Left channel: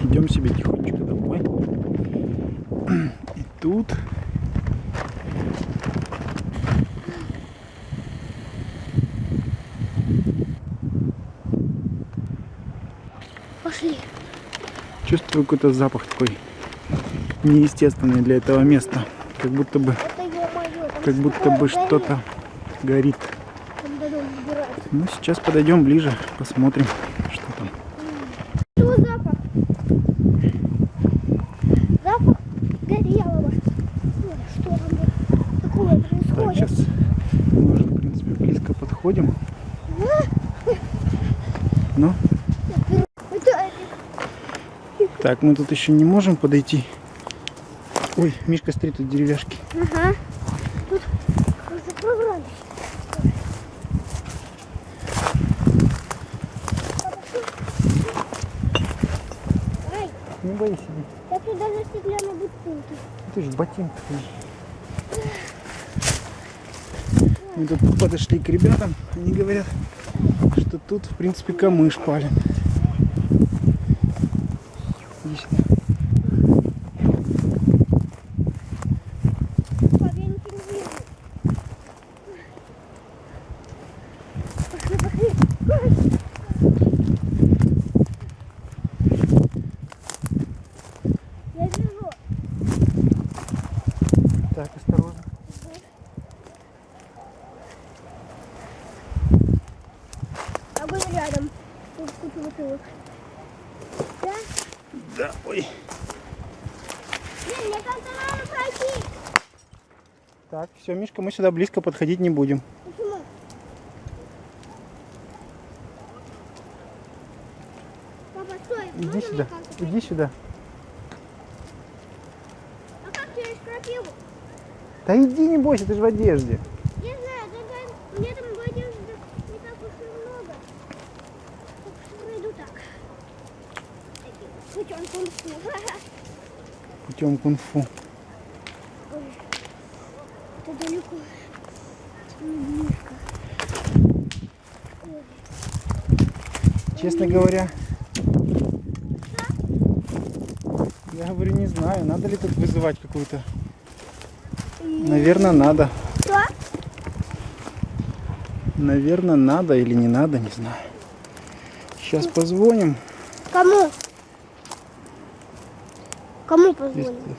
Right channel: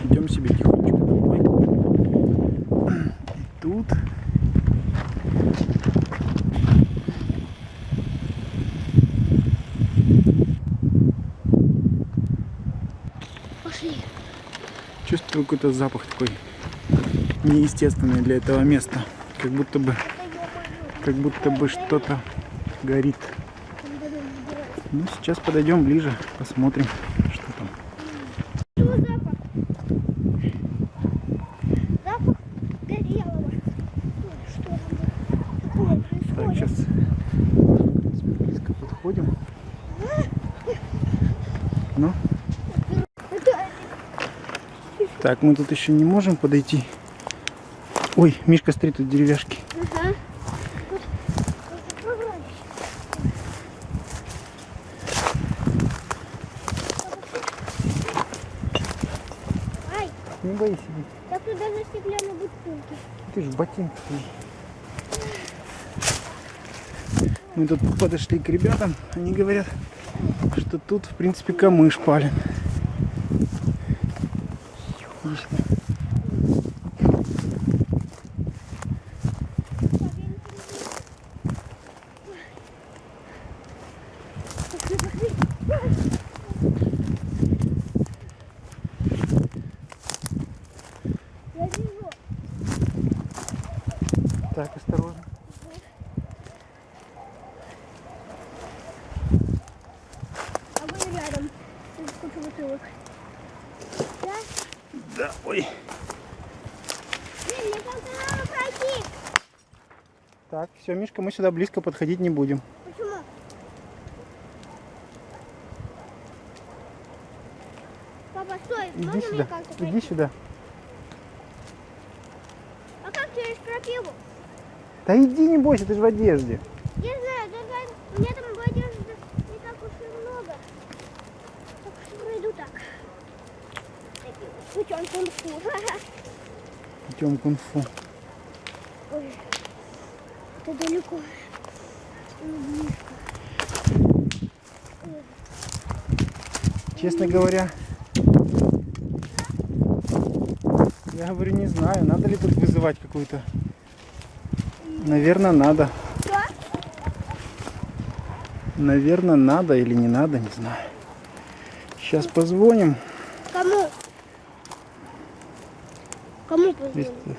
Идем себе тихонечко домой. И тут пошли. чувствую какой-то запах такой неестественный для этого места. Как будто бы что-то горит. Ну, сейчас подойдем ближе, посмотрим, что там. Что запах? Запах горелого. Что там такое происходит? Так, сейчас мы уже, в принципе, близко подходим. Ну, так, мы тут еще не можем подойти. Ой, Мишка, смотри, тут деревяшки. Ага. Тут забрались. Ай, Не боись, иди. так тут даже стеклянные бутылки. Ты ж в ботинках. Мы тут подошли к ребятам. Они говорят, что тут, в принципе, камыш пален. Иди сюда. Я вижу. Так, осторожно. А мы рядом. Тут куча бутылок. Да? Да, ой. Блин, мне как-то надо пройти. Так, все, Мишка, мы сюда близко подходить не будем. Почему? Папа, стой. Иди Можно сюда, мне как-то иди пройти? сюда. А как через крапиву? Да иди, не бойся, ты же в одежде. Я знаю, только у меня там в одежде не так уж и много. Так что пройду так. Таким вот путем кунг-фу. Путем кунг-фу. Ой, это далеко. Не близко. Ой. Честно говоря, я говорю, не знаю, надо ли тут вызывать какую-то. Наверное, надо. Что? Наверное, надо или не надо, не знаю. Сейчас позвоним. Кому? Кому Здесь- позвоним?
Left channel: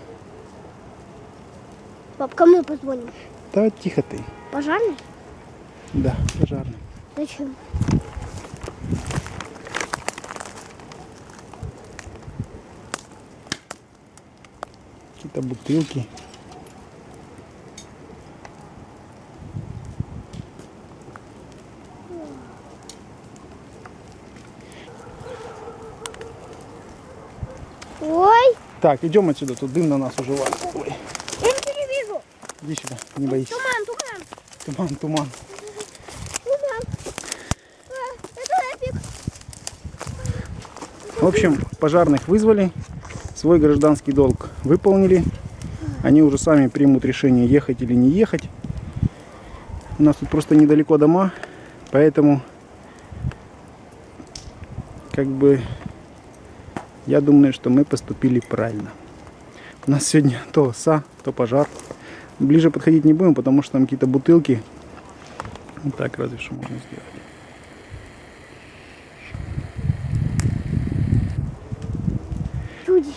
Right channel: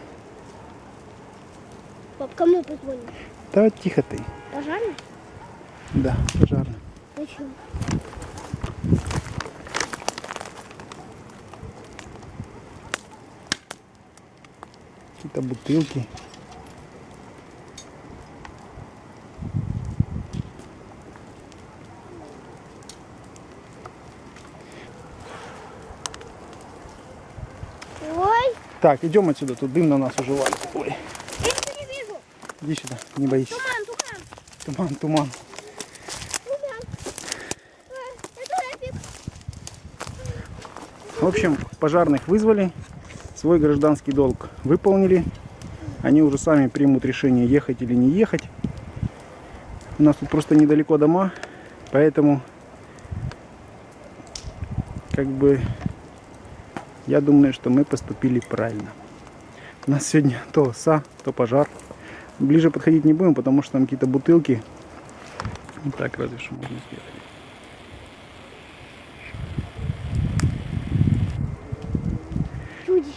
Пап, кому позвоним? Да, тихо ты. Пожарный? Да, пожарный. Зачем? Какие-то бутылки. Ой, Так, идем отсюда, тут дым на нас уже валит. Ой, я ничего не вижу. иди сюда, не боись. Туман. Туман. Туман. Это эпик. В общем, пожарных вызвали, свой гражданский долг выполнили. Они уже сами примут решение, ехать или не ехать. У нас тут просто недалеко дома, поэтому как бы я думаю, что мы поступили правильно. У нас сегодня то оса, то пожар. Ближе подходить не будем, потому что там какие-то бутылки. Вот так разве что можно сделать. Чудище.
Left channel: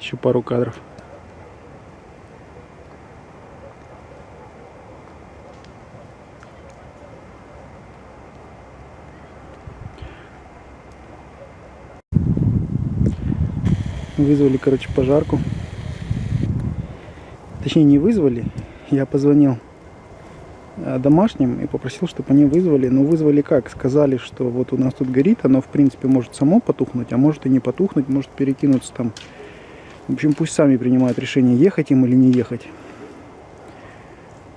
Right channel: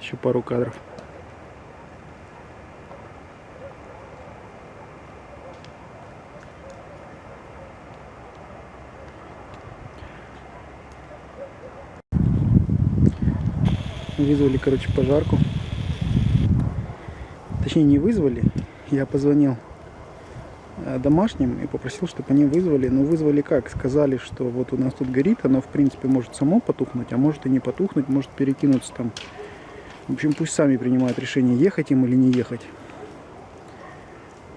Еще пару кадров. Вызвали, короче, пожарку. Точнее, не вызвали. Я позвонил домашним и попросил, чтобы они вызвали. Но вызвали как? Сказали, что вот у нас тут горит. Оно, в принципе, может само потухнуть, а может и не потухнуть. Может перекинуться там. В общем, пусть сами принимают решение, ехать им или не ехать.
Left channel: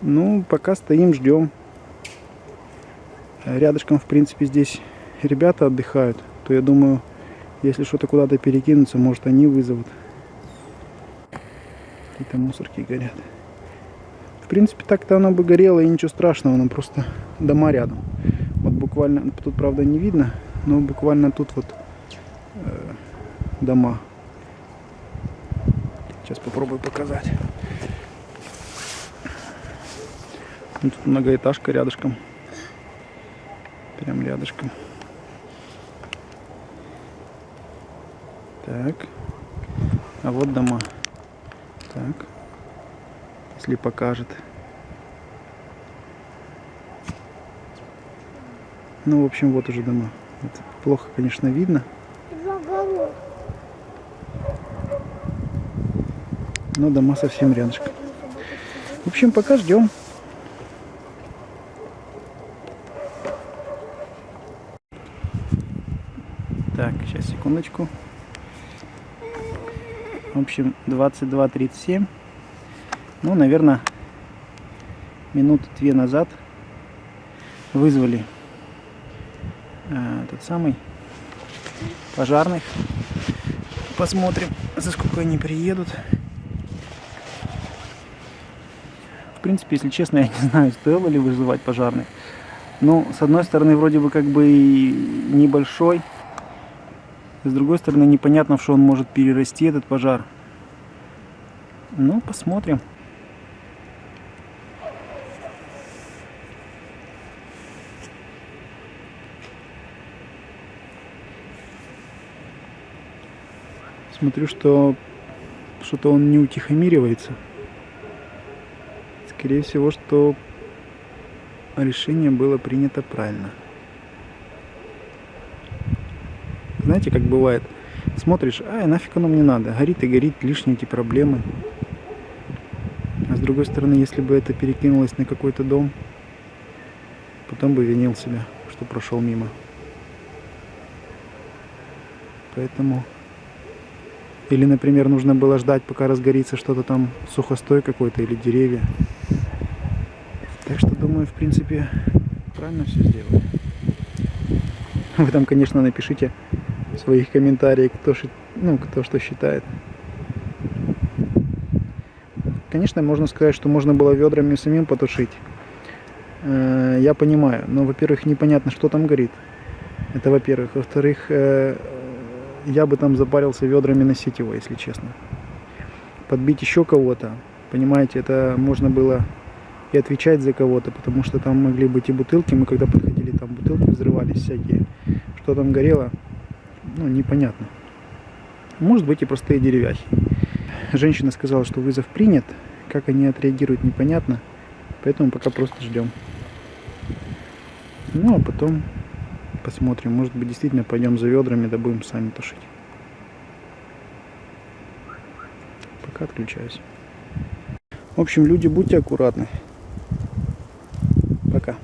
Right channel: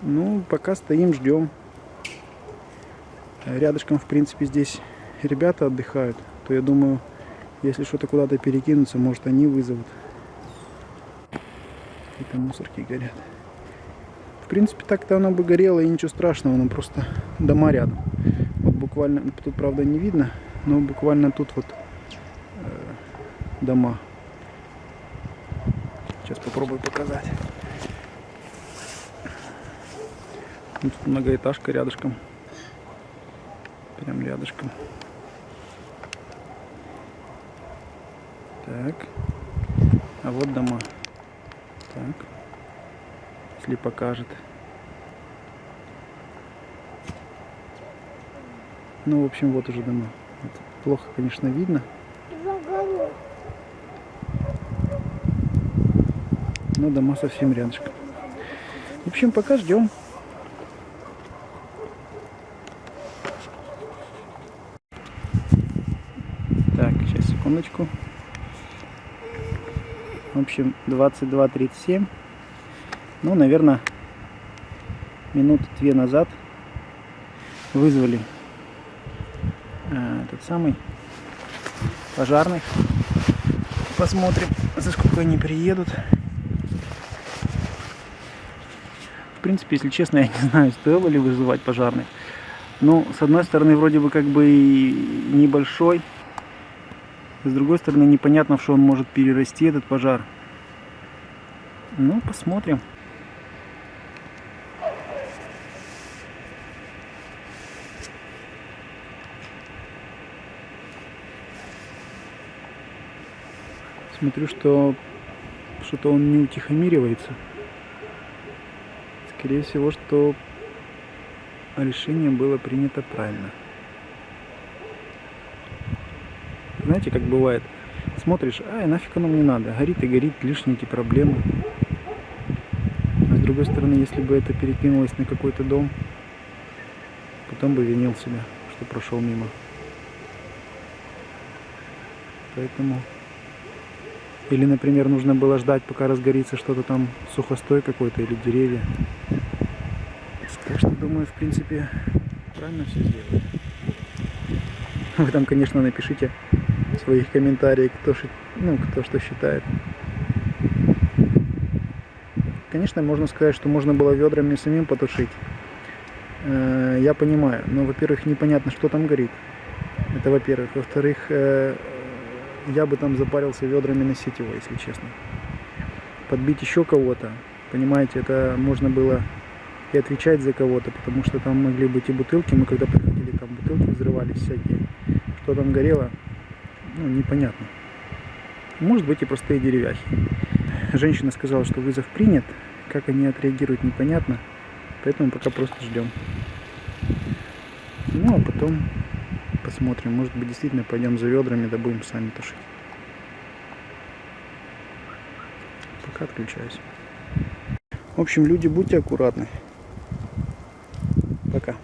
Ну, пока стоим, ждем. Рядышком, в принципе, здесь ребята отдыхают. То я думаю, если что-то куда-то перекинуться, может, они вызовут. Какие-то мусорки горят. В принципе, так-то оно бы горело, и ничего страшного, но просто дома рядом. Вот буквально, тут правда не видно, но буквально тут вот дома. Сейчас попробую показать. Вот тут многоэтажка рядышком. Прям рядышком. Так. А вот дома. Так. Если покажет. Ну, в общем, вот уже дома. Это плохо, конечно, видно. Но дома совсем рядышком. В общем, пока ждем. Так, сейчас, секундочку. В общем, 22:37. Ну, наверное, минуты 2 назад вызвали этот самый пожарных. Посмотрим, за сколько они приедут. В принципе, если честно, я не знаю, стоило ли вызывать пожарных. Ну, с одной стороны, вроде бы как бы и небольшой. С другой стороны, непонятно, в что он может перерасти, этот пожар. Ну, посмотрим. Смотрю, что что-то он не утихомиривается. Скорее всего, что решение было принято правильно. Знаете, как бывает, смотришь, ай, нафиг оно мне надо, горит и горит, лишние эти проблемы. А с другой стороны, если бы это перекинулось на какой-то дом, потом бы винил себя, что прошел мимо. Поэтому... Или, например, нужно было ждать, пока разгорится что-то там, сухостой какой-то или деревья. Так что, думаю, в принципе, правильно все сделали. Вы там, конечно, напишите в своих комментариях, кто что считает. Конечно, можно сказать, что можно было ведрами самим потушить. Я понимаю, но, во-первых, непонятно, что там горит. Это во-первых. Во-вторых, я бы там запарился ведрами носить его, если честно. Подбить еще кого-то, понимаете, это можно было и отвечать за кого-то, потому что там могли быть и бутылки. Мы когда подходили, там бутылки взрывались всякие. Что там горело, ну, непонятно. Может быть и простые деревяхи. Женщина сказала, что вызов принят. Как они отреагируют, непонятно. Поэтому пока просто ждем. Ну, а потом посмотрим. Может быть, действительно пойдем за ведрами, да будем сами тушить. Пока отключаюсь. В общем, люди, будьте аккуратны. Пока.